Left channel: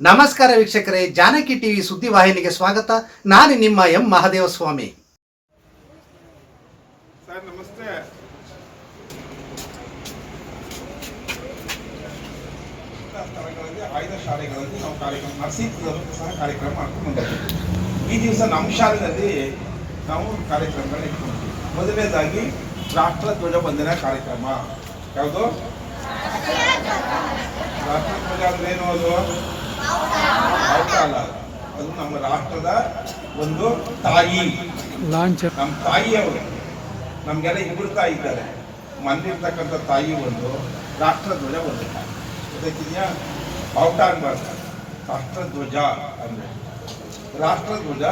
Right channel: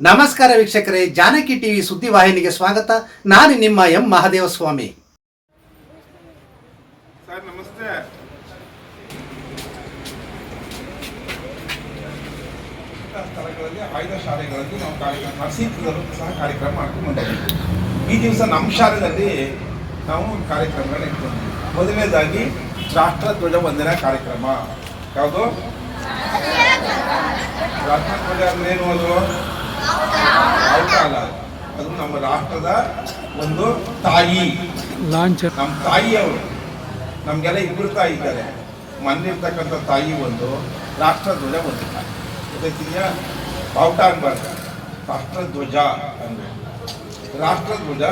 ನಮಸ್ಕಾರ ವೀಕ್ಷಕರೇ, ಜಾನಕಿ ಟಿವಿ ಸುದ್ದಿವಾಹಿನಿಗೆ ಸ್ವಾಗತ. ನಾನು ನಿಮ್ಮ ಎಂ ಮಹಾದೇವ ಸ್ವಾಮಿ ಸರ್, ನಮಸ್ತೆ. ಆಯ್ದ ಶಾಲೆಗಳಲ್ಲಿ ನಾವು ಕಾರ್ಯಕ್ರಮ ಕಾರ್ಯಕ್ರಮ ಮಾಡ್ಕೊಂಡು ಈ ದಿವಸ ನಮ್ಮ ಶಾಲೆಯಲ್ಲಿ ನಾವು ಕಾರ್ಯಕ್ರಮಗಳನ್ನ ಇಟ್ಕೊಂಡಿದ್ದೀವಿ. ಮೊದಲನೇದಾಗಿ, ರಾಷ್ಟ್ರ ಧ್ವಜ ವಂದನಾ ಕಾರ್ಯಕ್ರಮ. ಯಾವುದು? ರಾಷ್ಟ್ರ ಧ್ವಜ ಏನು ಅದು? ಅಲ್ಲ? ಅದು ನಮ್ಮ ರಾಷ್ಟ್ರದ ಒಂದು ತಾಯಿ. ಲಾಂಚ ನಮ್ಮ ತಾಯಿಯವರು ನಮಗೆಲ್ಲ ಇಬ್ಬರು ತಾಯಿ ಇದ್ದಾರೆ. ಮನೇಲಿರ್ತಕ್ಕಂಥ ತಾಯಿ ಒಂದು ರಾಷ್ಟ್ರಧ್ವಜ ಒಂದು ತಾಯಿ. ಗೊತ್ತಾಯ್ತಿದ್ಯಾ? ಬಾವುಟ ಅನ್ಬಾರ್ದು ರಾಷ್ಟ್ರಧ್ವಜ ಅಂದ್ರೆ ರಾಷ್ಟ್ರಧ್ವಜ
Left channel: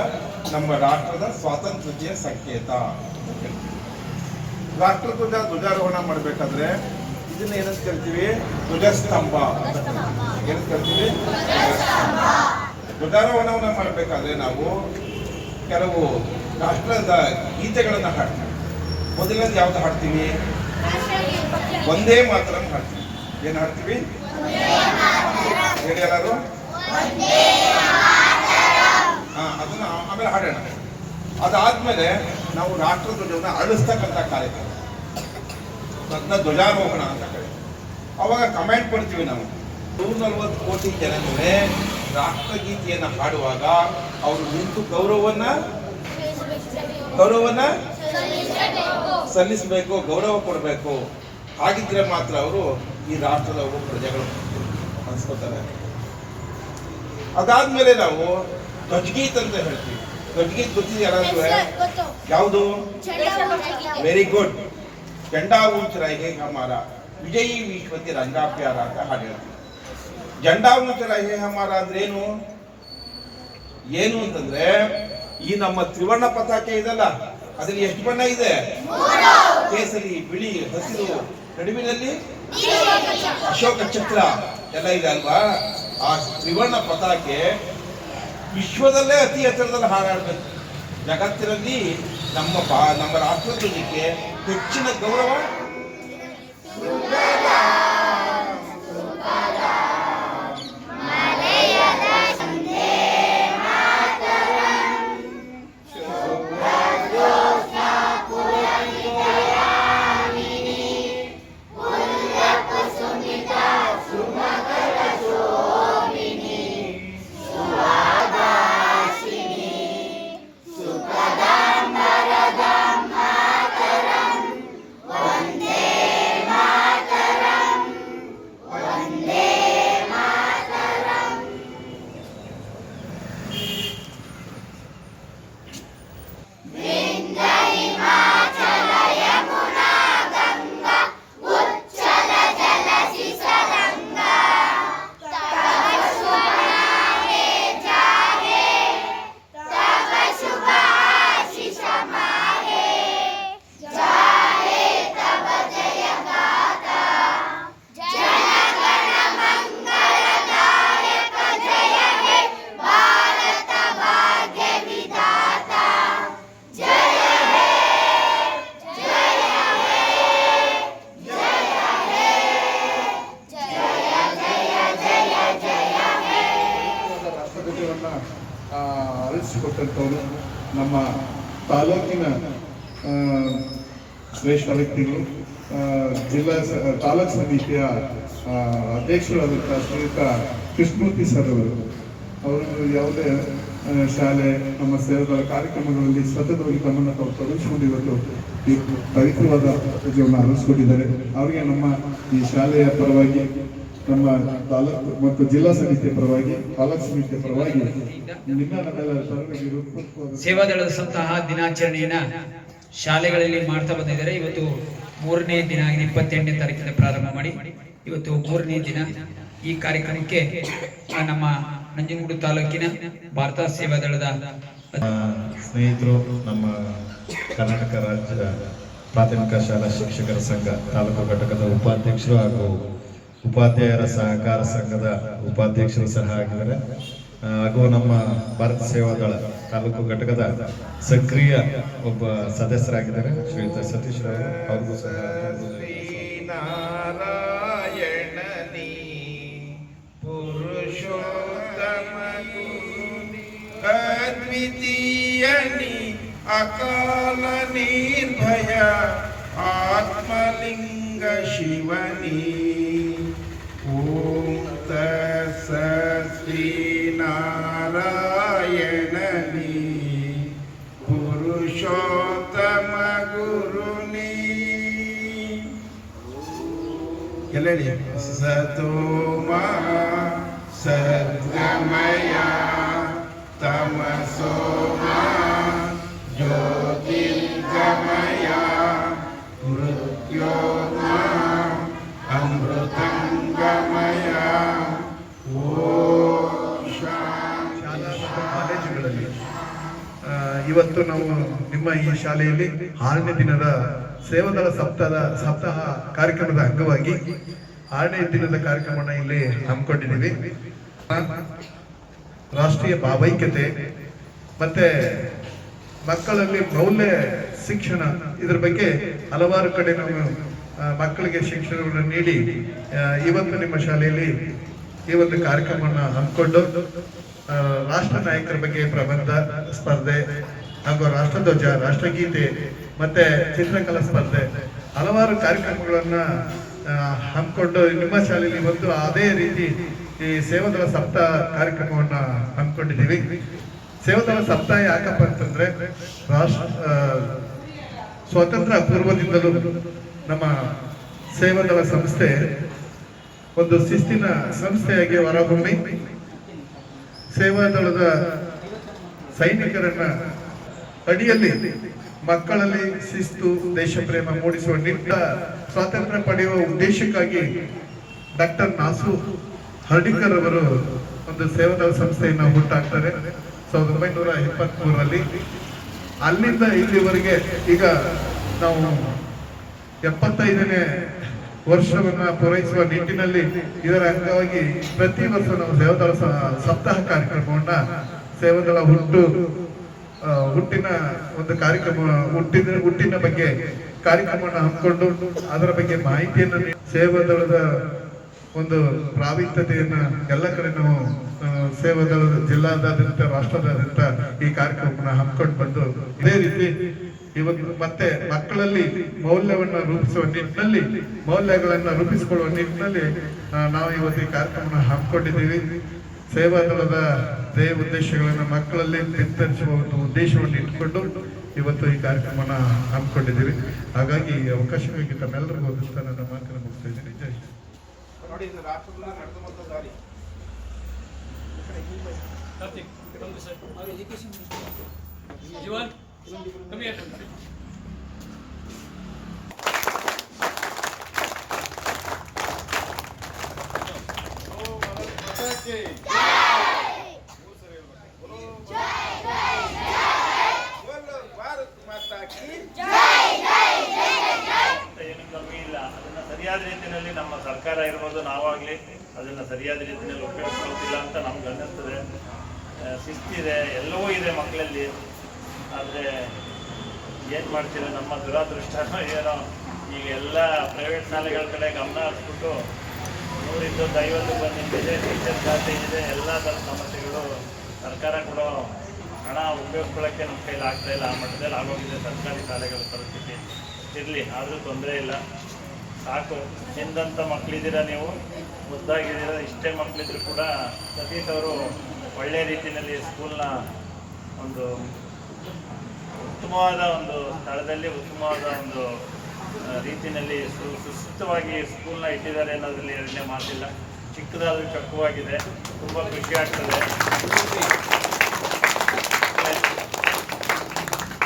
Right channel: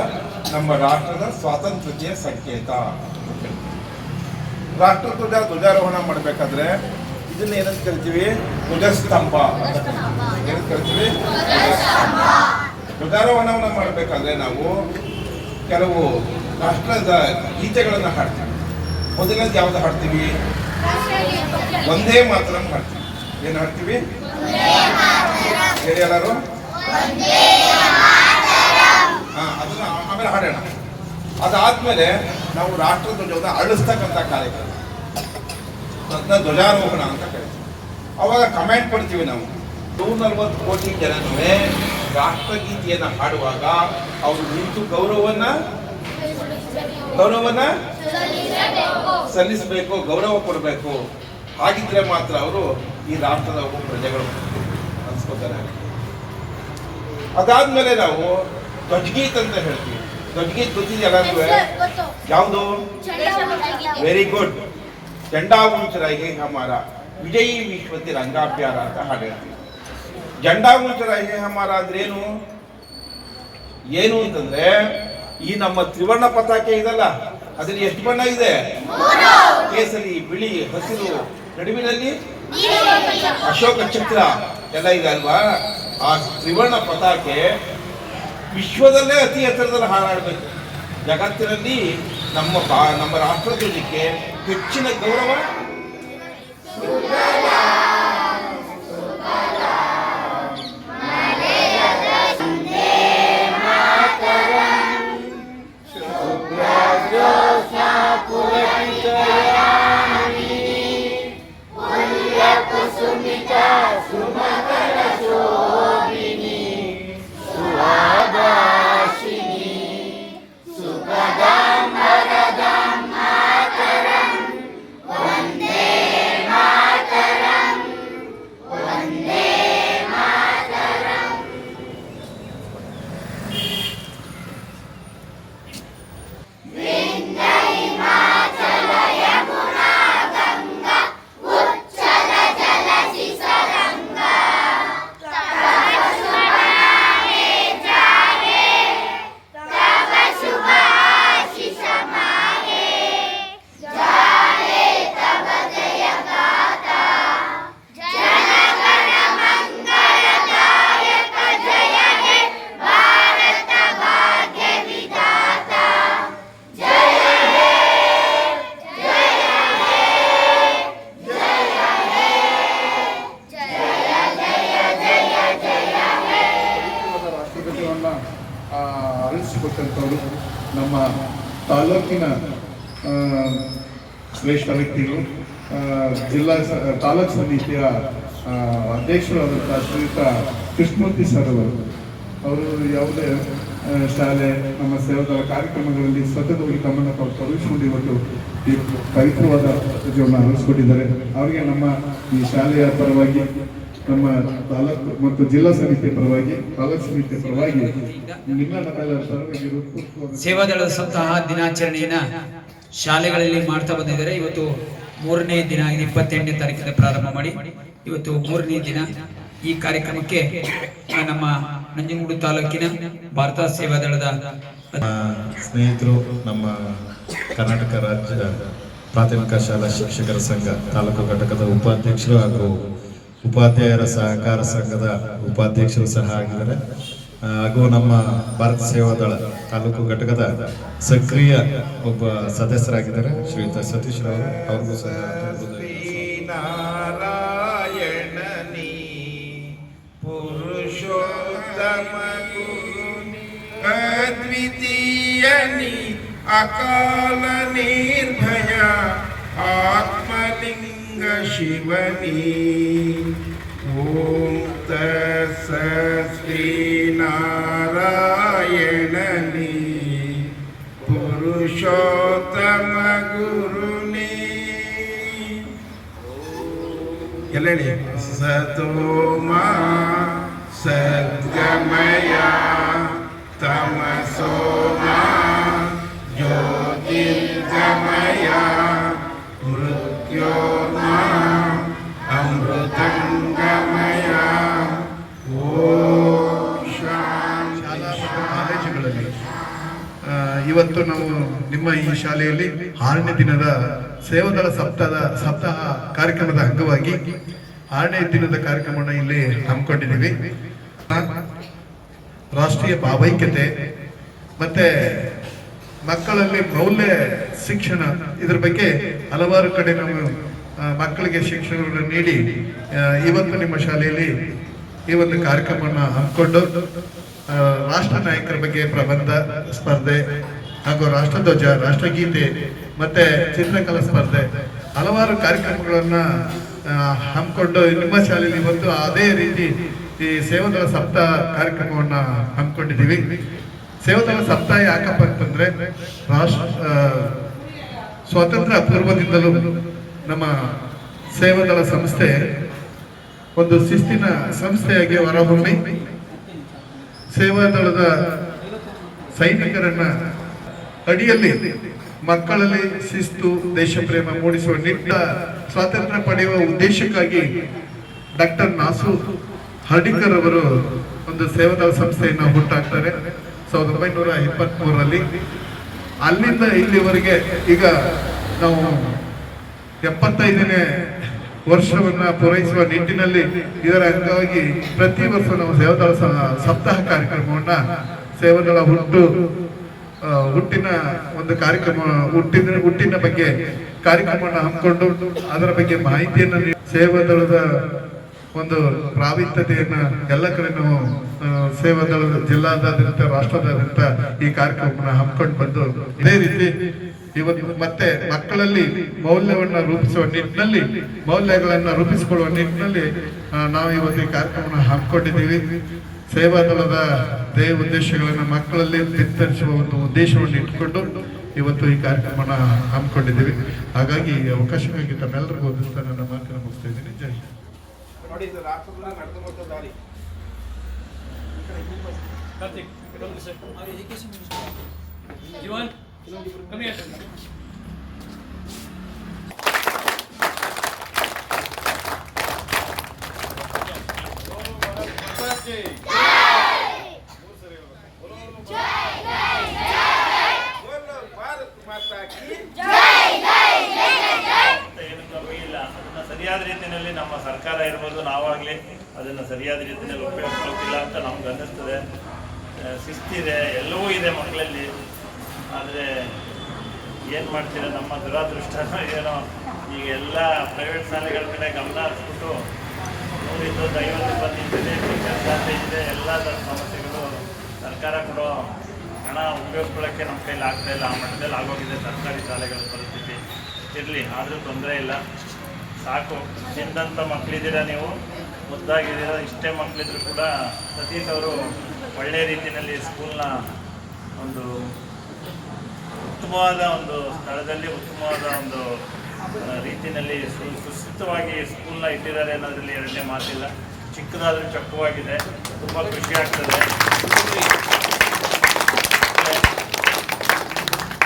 ನಮ್ಮ ರಾಷ್ಟ್ರದ ಸ್ವಾತಂತ್ರ್ಯತೆಯ ಸಂಕೇತ ರಾಷ್ಟ್ರಧ್ವಜ ಧ್ವಜಾರೋಹಣ ಮಾಡಬೇಕಾದ್ರೆ ಇದನ್ನ ಏನಂತ ಕರಿತೀವಿ ಧ್ವಜಸ್ತಂಭ ಅಂತ ಕರಿತೀವಿ ಧ್ವಜಾರೋಹಣವನ್ನು ಮಾಡಬೇಕಾದ್ರೆ ನಾವು ಕೆಲವು ರಾಷ್ಟ್ರದ ಗೀತೆಗಳನ್ನು ಹಾಡ್ತೀವಿ. ಮೊದಲನೇದು ಯಾವ್ದು ಹಾಡ್ತೀವಿ? ಒಂದೇ ಮಾತ್ರ ಹಾಡ್ತೀವಿ. ಏನು ಹಾಡ್ತೀವಿ? ಹೇಳಿ ಎಲ್ಲರೂ. ಹಾ, ಅದನ್ನ ಆಮೇಲೆ ಹಾಡೋಣ. ಅದಾದ್ಮೇಲೆ ನಾವು ರಾಷ್ಟ್ರ ಧ್ವಜವನ್ನು ಅಳಿಸ್ತಕ್ಕಂಥ ಕಾರ್ಯಕ್ರಮ. ಅದನ್ನ ಧ್ವಜಾರೋಹಣ ಅಂತ ಕರೀತೀವಿ. ಅವಾಗ ಕಮೆಂಟ್ ಕೊಡ್ತೀವಿ ನಾವು. ನೂರ ನಲ್ವತ್ತು ಕೋಟಿ ಜನನುವೆ ರಾಷ್ಟ್ರಗೀತೆಯನ್ನು ಹಾಡುವಾಗ ಅವರು ನಿಂತು ಗೌರವವನ್ನ ಗೌರವನ ಸಲ್ಲಿಸಬೇಕು ಗೌರವ ಕೊಡಬೇಕು. ಹಾಗಿದ್ರೆ ಮಾತ್ರ ಅವರು ಈ ರಾಷ್ಟ್ರದ ಒಬ್ಬ ಪ್ರಜೆಗಳು ಅನ್ಸ್ಕೋತಾರೆ. ಅದಾದ್ಮೇಲೆ ನಾವು ಧ್ವಜಗೀತ್ ಅಂತ ಹೇಳ್ತೀವಿ. ಧ್ವಜಗೀತ್ ಗೊತ್ತಿದೆಯಲ್ಲ ಯಾವುದು? ವೆರಿ ಗುಡ್ ಈಗ ಹಮಾರ. ವಿಜಯಿ ವಿಶ್ವತಿ ರಂಗಾಭ್ಯಾರ ಅಂತ ಹಾಡು ಹೇಳ್ತೀವಿ ಜಂಡಾ ಹೇಹಮಾರ ಹಮಾರ ಅಂದ್ರೆ ಏನು? ಏನು ಅಂತಂದ್ರೆ, ಈ ನಮ್ಮ ತ್ರಿವರ್ಣ ಪತಾಕೆ ಇದಲ್ಲ, ಅದ್ರಲ್ಲಿ ಎಷ್ಟು ಬಣ್ಣ ಇದೆ? ಕೇಸರಿ, ಬಿಳಿ, ಹಸಿರು, ನಡುವಿನಲ್ಲಿ ಅಶೋಕ ಚಕ್ರ ಎಲ್ಲ ಇದೆ ಅಲ್ವಾ? ಆ ತ್ರಿವರ್ಣ ಪತಾಕೆ ವಿಶ್ವದಲ್ಲೇ ಅತಿ ಎತ್ತರದಲ್ಲಿ ಹಾರಾಡಬೇಕು. ಜಗತ್ತಿನಲ್ಲಿ ನಮ್ಮ ನಮ್ಮ ರಾಷ್ಟ್ರಧ್ವಜಕ್ಕೆ ಹೆಚ್ಚಿನ ಗೌರವ ನಮ್ಮ ತಾಲೂಕಿನ ಶ್ರೇಷ್ಠ ವ್ಯಕ್ತಿಗಳು ಜಿಲ್ಲಾ ತಾಲೂಕು ಸಮಿತಿಯ ಅಧ್ಯಕ್ಷರಾದಂಥ ಶ್ರೀಯುತ ಕೃಷ್ಣಮೂರ್ತಿ ಸರ್ ಅವರು. ಅವರು ಯಾವುದೇ ಶಾಲೆ, ನಮ್ಮ ಸೇವಾದಳ ಕಾರ್ಯಕ್ರಮಗಳಲ್ಲಿ ಸತತವಾಗಿ ಗಮನ ತಾವು ತೊಡಗಿಸಿಕೊಂಡು ಇವತ್ತು ಇವತ್ತು ಪವಿತ್ರವಾದ ಜೀವನ ಅರಳಿಸ್ಕೊಂಡಿದ್ದಾರೆ ಅವರಿಗೆ ನಮ್ಮ ಈ ಶಾಲೆಯ ಪರವಾಗಿ ನಮ್ಮ ತಾಲೂಕು ಮತ್ತು ಜಿಲ್ಲಾ ಸಮಿತಿಯ ಪರವಾಗಿ ತಾಲೂಕು ಸಮಿತಿಯ ಪರವಾಗಿ ನಿಮ್ಮ ದಳದ ಸಪ್ತಾಹ ದಿನಾಚರಣೆಯನ್ನ ಶಾಲೆಗಳಲ್ಲಿ ಮಾಡ್ತಾ ಬಂದಿದ್ದಾರೆ. ಇವತ್ತು ಮೂರನೇ ದಿನ ಆಗಿದೆ ಇಪ್ಪತ್ತೆಂಟನೇ ತಾರೀಕಿಂದ ಪ್ರಾರಂಭ ಮಾಡಿ. ಇವತ್ತು ಮೂರನೇ ದಿನ ಈ ಕಾರ್ಯಕ್ರಮಕ್ಕೆ ನಮ್ಮ ನಂಜನಗೂಡು ತಾಲೂಕಿನ ಭಾರತ ಸೇವಾದಳದ ದಳದ ಸ್ನೇಹಿತರು ನಮ್ಮ ಕರ್ನಾಟಕ ರಾಜ್ಯ ಪ್ರಾಥಮಿಕ ಶಾಲಾ ಶಿಕ್ಷಕರ ಸಂಘ ತಾಲೂಕು ಘಟಕದ ಉಪಾಧ್ಯಕ್ಷರು ಹಾಗೂ ಉಪಾಧ್ಯಾಯರ ಸಹಕಾರ ಸಂಘದ ಉಪಾಧ್ಯಕ್ಷರು ಸಹ ಆಗಿದ್ದಾರೆ. ಹಾಗೂ ನಮ್ಮ ಭಾರತ ಸೇವಾ ದಳ ತಾಲೂಕು ಘಟಕದ ಸಕ್ರಿಯ ಒಬ್ಬ ಸದಸ್ಯರಾಗಿದ್ದಾರೆ. ಶ್ರೀಯುತ ಸತೀಶ್ ರಾವ್ ಅವ್ರಿಗೂ ಸಹ ಅಕಾಲ ನಿರ್ಭಯ ಆತ್ಮಲಿಂಗ ಶಿವನಿ ಓಂ ತಸ ಶ್ರೀನಾರಾಯಣನಿ ಪುರುಷೋತ್ತಮ ಗುರುನೇ ಎಲ್ಲ ಇವತ್ತು ನಾವು ನಿಮ್ಮ ಈ ಶಾಲೆಯಲ್ಲಿ ಆರನೇ ದಿನದ ಸೇವದಳ ಸಪ್ತಾಹ ಸಪ್ತಾಹ ಕಾರ್ಯಕ್ರಮದ ಅಂಗವಾಗಿ ಆರನೇ ದಿನದ ಕಾರ್ಯಕ್ರಮವನ್ನು ಇಲ್ಲಿ ಹಮ್ಮಿಕೊಂಡಿದ್ದೀವಿ. ರಾಷ್ಟ್ರೀಯ ಭಾವೈಕ್ಯತೆ ಮತ್ತೆ ಮಕ್ಕಳಲ್ಲಿ ಮೌಲ್ಯ ಶಿಕ್ಷಣ ಇದ್ರ ಬಗ್ಗೆ ಹಲವಾರು ಕಡೆ ನಾವು ಮಕ್ಕಳಿಗೆ ಶಿಕ್ಷಣವನ್ನು ನೀಡಿ ಇವತ್ತು ನಿಮ್ಮ ಶಾಲೆಯಲ್ಲಿ ಈ ಒಂದು ಕಾರ್ಯಕ್ರಮವನ್ನು ಹಮ್ಮಿಕೊಂಡು ರಾಷ್ಟ್ರ ನಾಯಕರ ಬಗ್ಗೆ ಪ್ರಬಂಧ, ಸ್ಪರ್ಧೆ ಹಾಗೂ ರಾಷ್ಟ್ರಧ್ವಜ ರಾಷ್ಟ್ರಗೀತೆ, ಮತ್ತೆ ಚಿತ್ರಕಲಾ ಸ್ಪರ್ಧೆ, ಹಲವಾರು ಕಾರ್ಯಕ್ರಮಗಳನ್ನ ಹಮ್ಮಿಕೊಂಡು ನಿಮ್ಮ ಶಾಲೆಯಲ್ಲಿ ಬಂದು ಅದೇ ರೀತಿ ಈ ಸೇವಾದಳ ಸಪ್ತಾಹ ಕಾರ್ಯಕ್ರಮವನ್ನ ಹಮ್ಮಿಕೊಂಡಿದ್ದೀವಿ. ಸೇವಾದಳ ಸಪ್ತಾಹ ಯಾಕಪ್ಪ ಅಂತಂದ್ರೆ, ರಾಷ್ಟ್ರ ಸ್ವಾತಂತ್ರ್ಯ ಪೂರ್ವದಿಂದಲೂ ನಮ್ಮ ಸೇವಾದಳ ಸಂಸ್ಥೆ ಒಂದು ಶಿಸ್ತಿನ ಸಂಸ್ಥೆಯಾಗಿ ಹೊರಹೊಮ್ಮಿ ಸೇವಾದಳದ ಸೈನಿಕರನ್ನ ಅಡಿಯಲ್ಲಿ ಮಕ್ಕಳಲ್ಲಿ ಶಿಸ್ತು ದೇಶ ಪ್ರೇಮ ಮೂಡಿಸುವ ನಿಟ್ಟ ಸ್ವಾತಂತ್ರ್ಯ ಪಡೆಯುವ ಉದ್ದೇಶಕ್ಕಾಗಿ ಡಾಕ್ಟರ್ ನಾಸು ಹರ್ಡಿಕರ್ ಅವರು ಒಂದು ಸೇವಾದಳ ಸಂಸ್ಥೆಯನ್ನು ಹುಟ್ಟಾಕ್ತಾರೆ. ಸಾವಿರದ ಒಂಬೈನೂರ ಇಪ್ಪತ್ತ್ ಮೂರರಲ್ಲಿ ಅಲ್ಲಿಂದ ಇಲ್ಲಿವರೆಗೆ ಈಗ ನಾವು ಎಪ್ಪತ್ತೈದನೇ ವರ್ಷವನ್ನ ಪೂರೈಸುವ ನಿಟ್ಟಿನಲ್ಲಿ ಇದರ ಅಂಗವಾಗಿ ಪ್ರತಿ ವರ್ಷ ನಾವು ಸೇವಾದಳ ಸ- ಸಪ್ತಾಹ ಕಾರ್ಯಕ್ರಮವನ್ನ ಸೇವಾದಳ ಹುಟ್ಟು ಹುಟ್ಟಿನ ಒಂದು ಕಾರ್ಯಕ್ರಮ ಹುಟ್ಟಿನ ಹುಟ್ಟಿನ ಬಗ್ಗೆ ಕಾರ್ಯಕ್ರಮವನ್ನು ಹಮ್ಮಿಕೊಂಡು ಅದರ ಬಗ್ಗೆ ಮಾಹಿತಿಯನ್ನು ಸೇವಾ ದಳದ ಒಂದು ಪ್ರಾವೀಣ್ಯತೆಯನ್ನ ಎಲ್ಲ ಕಡೆ ನಾವು ಸೇವಾ ದಳದ ಜಿಲ್ಲಾದಾದ್ಯಂತ, ರಾಷ್ಟ್ರದಾದ್ಯಂತ ಈ ಕಾರ್ಯಕ್ರಮವನ್ನು ಹಮ್ಮಿಕೊಂಡು ಬಂದು, ಇದೇ ರೀತಿ ಇವತ್ತು ಮತ್ತೆ ಮಕ್ಕಳಲ್ಲಿ ಮೌಲ್ಯವನ್ನು ರೂಪಿಸುವ ನಿಟ್ಟಿನಲ್ಲಿ, ಮೌಲ್ಯಗಳನ್ನು ರೂಪಿಸಿಕೊಳ್ಳುವ ನಿಟ್ಟಿನಲ್ಲಿ ನಾವು ಇವತ್ತು ಈ ಕಾರ್ಯಕ್ರಮವನ್ನು ಹಮ್ಮಿಕೊಂಡಿದ್ದೀವಿ. ಸೇವಾದಳದ ಧ್ಯೇಯ ಉದ್ದೇಶಗಳನ್ನು ಮಕ್ಕಳಲ್ಲಿ ಬಿತ್ತರಿಸುವ ಒಂದು ಉದ್ದೇಶವನ್ನು ಇಟ್ಟುಕೊಂಡು ಇವತ್ತು ಈ ಕಾರ್ಯಕ್ರಮನ ಹಮ್ಮಿಕೊಂಡಿದ್ದೀವಿ. ಹಾಗಾಗಿ ಈ ಅವಕಾಶವಾಗಿ ತಮ್ಮೆಲ್ಲರಿಗೂ ಒಪ್ಪಿಸ್ತಾ ನನ್ನ ಮಾತನ್ನು ಮುಗಿಸ್ತಾ ಇದ್ದೀನಿ. ಜೈ. ನೋಡಿ ಇದು ರಾಷ್ಟ್ರದಲ್ಲಿ ದಾರಿ. ನಮ್ಮ ಸರ್ಕಾರ ಇರ್ಬೋದು, ನಾವಾಗಲಿ ಅದನ್ನು ಸರಿಯಾದ ರೀತಿಯಲ್ಲಿ ಉಪಯೋಗಿಸ್ಕೊಳ್ತಿಲ್ಲ ಅಂತ ನಮ್ಗೆ ಅನ್ನಿಸ್ತದೆ. ಶಿಸ್ತಿದೆ ಎಲ್ಲವೂ ಇದೆ ಮಕ್ಕಳಲ್ಲಿ. ಆದರೆ ಏನು ಮಾಡ್ತೀರ, ನಮ್ಮ ದುರಾದೃಷ್ಟನೋ ಏನೋ, ಈಗ ಎಲ್ಲ ಪ್ರೈವೇಟ್ ಶಾಲೆಗಳ ಕಡೆ ಗಮನ ಹರಿಸ್ಬಿಟ್ಟು ನೂರಿದ್ದೊಂದು ಐವತ್ತು ಬಂದಿದೆ ಟೀಚರ್ ಜಾತಿ ಇದೆ ಎಲ್ಲ ಸಮಸ್ಯೆಗಳು ಸರ್ಕಾರ ಕೊಡೋ ಹಣ ಉಪಯೋಗಿಸ್ಕೊಳ್ಳೋಕ್ಕೆ ನಮ್ಮ ಕೈಲಿ ಆಗ್ತಾ ಇಲ್ಲ. ಆ ಮಟ್ಟದಲ್ಲಿ ಆಗೋಗಿದೆ ಸರ್ಕಾರಿ ಶಾಲೆಗಳ ಪರಿಸ್ಥಿತಿ. ಇರಲಿ, ಆದರೂ ತೊಂದರೆ ಇಲ್ಲ. ಸಾಕು. ತಿಂದಂಥ ಮಕ್ಕಳಿದ್ದೀರಾ ನೀವು? ಮುದ್ದಾಗಿದ್ದೀರಾ? ಇಷ್ಟೇ ಮಕ್ಕಳಿದ್ರು ಕೂಡ ಸತೀಶ್ ಅವರು ಒಳ್ಳೆಯ ರೀತಿಯಲ್ಲಿ ಸ್ಕೂಲ್ನ ಒಂದು ಉತ್ತಮವಾದ ಒಂದು ಸ್ಥಳದಲ್ಲಿ, ಉತ್ತಮವಾದ ಒಂದು ರೀತಿಯಲ್ಲಿ ಸು, ಸುಸ್ಥಿತವಾಗಿ ಸ್ಕೂಲ್ನ ಇಟ್ಟಿದ್ದಾರೆ ಅನ್ನೋದ್ರಲ್ಲಿ ಎರಡನೇ ಮಾತಿಲ್ಲ. ಚಿಕ್ಕದಾದರೂ ಚೊಕ್ಕವಾಗಿದೆ ತುಂಬ ಖುಷಿ ಆಗ್ತದೆ.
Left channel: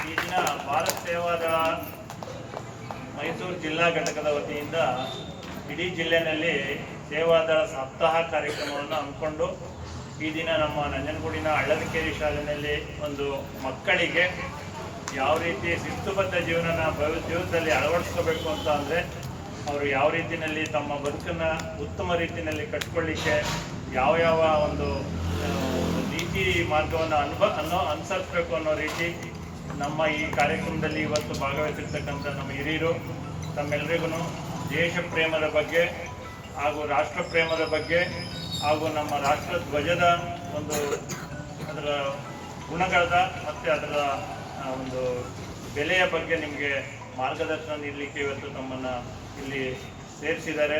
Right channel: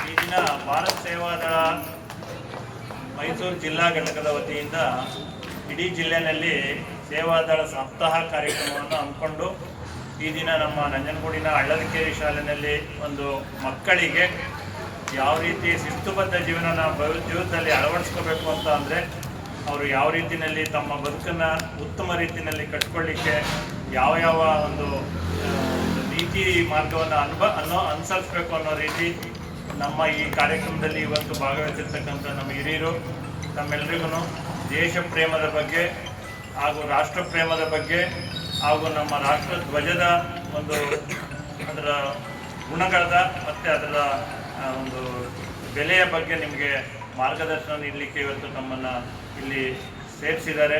ಈ ದಿನ ಭಾರತ್ ಸೇವಾದಳ ಮೈಸೂರು ಜಿಲ್ಲಾ ಘಟಕದ ವತಿಯಿಂದ ಇಡೀ ಜಿಲ್ಲೆಯಲ್ಲಿ ಸೇವಾದಳ ಸಪ್ತಾಹ ಕಾರ್ಯಕ್ರಮವನ್ನು ಹಮ್ಮಿಕೊಂಡು ಈ ದಿನ ನಮ್ಮ ನಂಜನಗೂಡಿನ ಹಳ್ಳದಕೇರಿ ಶಾಲೆಯಲ್ಲಿ ಒಂದು ಮಕ್ಕಳಿಗೆ ಯಾವ ರೀತಿ ಶಿಸ್ತುಬದ್ಧ ಜೀವನನ ಬಯ ಜೀವನದಲ್ಲಿ ಅಳವಡಿಸ್ಕೋಬೇಕು ಅಂತ ಅಂದರೆ ಅವರು ಯಾವ ರೀತಿಯಲ್ಲಿ ತಮ್ಮ ಬದುಕನ್ನು ಉತ್ತಮ ರೀತಿಯಲ್ಲಿ ಕಟ್ಕೊಳ್ಳಿಕ್ಕೆ ಯಾವ ಯಾವ ಒಂದು ನೀತಿ ಮಾರ್ಗವನ್ನು ಅನುಭ, ಅನ್ನೋ ಅನುಸರಿಸ್ಬೇಕು ಅನ್ನೋ ರೀತಿ ನಮ್ಮ ಈ ಕಾರ್ಯಕ್ರಮದಲ್ಲಿ ಇವತ್ತು ಭಾಗವಹಿಸಿರ್ತಕ್ಕಂಥ ನಮ್ಮ ಹಿರಿಯರು ತಮ್ಮೆಲ್ಲರಿಗೂ ದೇಶ ಪ್ರೇಮದ ಬಗ್ಗೆ ಹಾಗೂ ರಾಷ್ಟ್ರ ಪ್ರೇಮದ ಬಗ್ಗೆ ಹಾಗೂ ನಮ್ಮ ರಾಷ್ಟ್ರ ಧ್ವಜದ ಒಂದು ಅದರ ಗುಣಗಳದ ಮತ್ತು ಅದರ ಒಂದು ಬೆಲೆಯ ಬಗ್ಗೆ ನಿಮಗೆ ಮಾರ್ಗದರ್ಶನ ನೀಡಲಿಕ್ಕೆ ಇವತ್ತು ನಮ್ಮನ್ನು ಇಲ್ಲಿ ಸೇರಿಸಿದ್ದಾರೆ.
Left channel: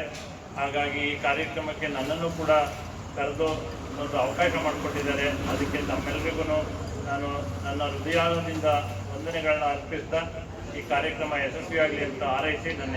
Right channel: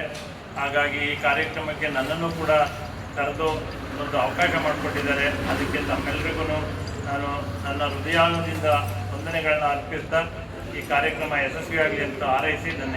ಹಾಗಾಗಿ ಈ ಕಾರ್ಯಕ್ರಮಕ್ಕೆ ನನ್ನನ್ನು ಕೂಡ ಕರೆದು ಒಂದು ಅವಕಾಶ ಮಾಡಿಕೊಟ್ಟಿದ್ದಾರೆ. ಅದಕ್ಕೆ ತಮ್ಮೆಲ್ಲರಿಗೂ ನಾನು ನನ್ನ ಹೃದಯದಿಂದ ವಂದನೆಗಳನ್ನ ಅರ್ಪಿಸ್ತಾ ಈ ಕಾರ್ಯಕ್ರಮ ಯಶಸ್ವಿಯಾಗಲಿ ಅಂತ ಹಾರೈಸಿ ನನ್ನ